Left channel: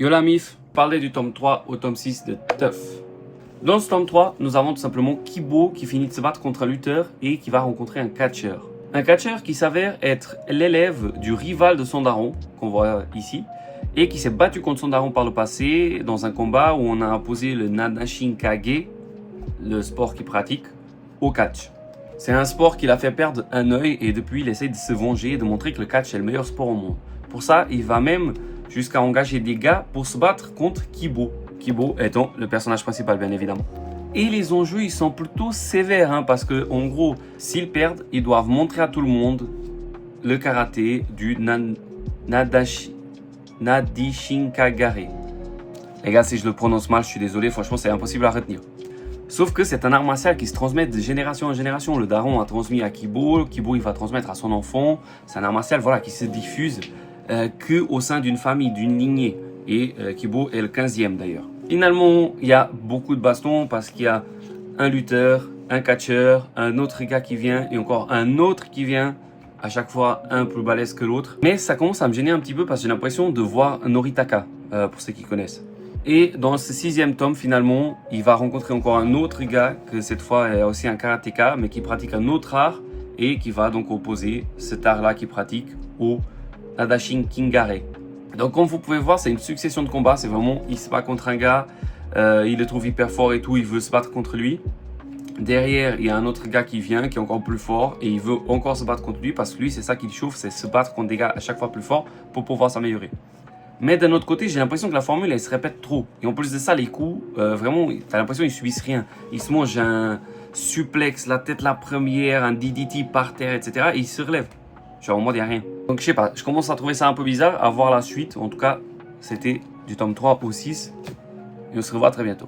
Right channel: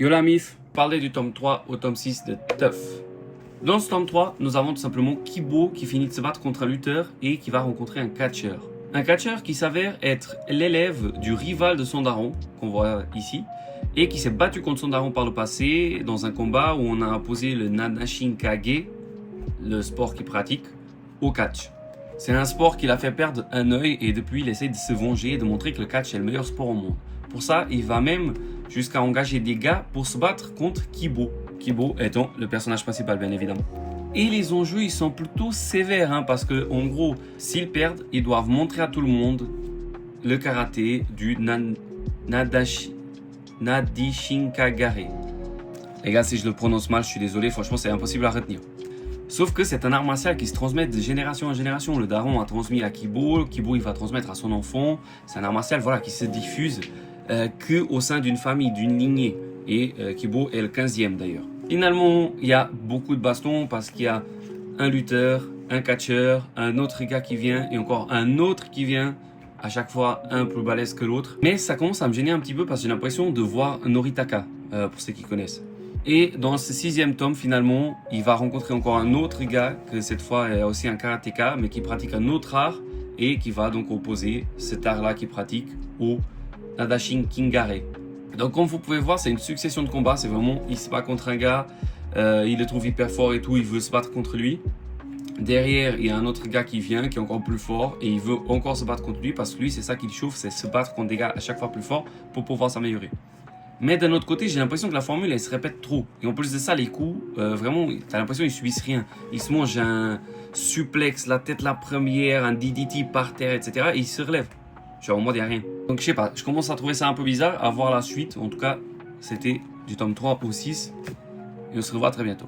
Yo la mif, parler du tome 3 au tome 6 de Teuf. Dans ce tome 3, nous avons tout simplement Kibo qui finit de se battre contre un lutteur et qui va rencontrer un catcheur. Un catcheur qui s'avère être l'élève du rival de son daron, qu'on voit ici, et qui s'est battu contre son daron par le passé dans un combat où on a imposé le Nanashinkage, le sport qu'il pratique, au catch. C'est un sport qui l'a fait perdre un œil et depuis il essaie de se venger et de montrer que le catch est le meilleur sport au monde. Pour ça, il va même jusqu'à engager des gars pour se battre contre Kibo. Kibo étant le personnage principal, bien évidemment. Et les enjeux, ils sont plutôt sévères, parce que, en gros, s'ils perdent, ils doivent montrer à tout le monde le karaté du Nadishinkagare. Les gars, si je le prononce mal, je suis désolé, franchement, c'est impossible à retenir. Sauf que c'est un art martial qui se transmet de génération en génération. Le daron a transmis à Kibo, Kibo il va transmettre à son enfant. C'est un art martial qui se diffuse qu'au sein d'une famille, d'une lignée. Et Kibo est le 15e d'ailleurs. Finalement, il y a beaucoup de bastons parce qu'il y a un lutteur, un catcheur, un autre gars qui vient et encore un autre qui vient. À chaque fois, un plus balèze que l'autre. Mais ça commence à me gêner un petit peu parce que j'ai l'impression de voir Noritaka, pour ceux qui connaissent. Et dans ce 6e tome, finalement, il va rencontrer encore un autre gars, que cette fois est aussi un karatéka, mais qui pratique un autre art et qui va donc opposer cet art-là qu'il pratique au Nadashinkagare. Donc comme vous pouvez voir, c'est une succession de combats, c'est vraiment, il se bat contre un gars, il le trouve hyper fort et tout, il veut se battre contre lui. Derrière, il y a un autre gars qui vient, qui est encore plus fort et il veut encore se battre contre lui parce que lui, c'est ça qui le chauffe, c'est se battre contre des gars à chaque fois plus forts pour pouvoir s'améliorer. Mais d'un autre côté, j'ai l'impression que la formule, elle se répète trop. Et en plus de ça, les coups, vraiment, t'as l'impression qu'ils subissent rien. Ils se mangent un suplex, la tête la première, un DDT par terre, etc. Et ils se relèvent. Genre, en mode, il n'y a rien. Donc, je sais pas, je commence à trouver ça un peu bizarre, à voir la suite. En tout cas, c'était du tome 3 au 6. Et on se revoit très bientôt.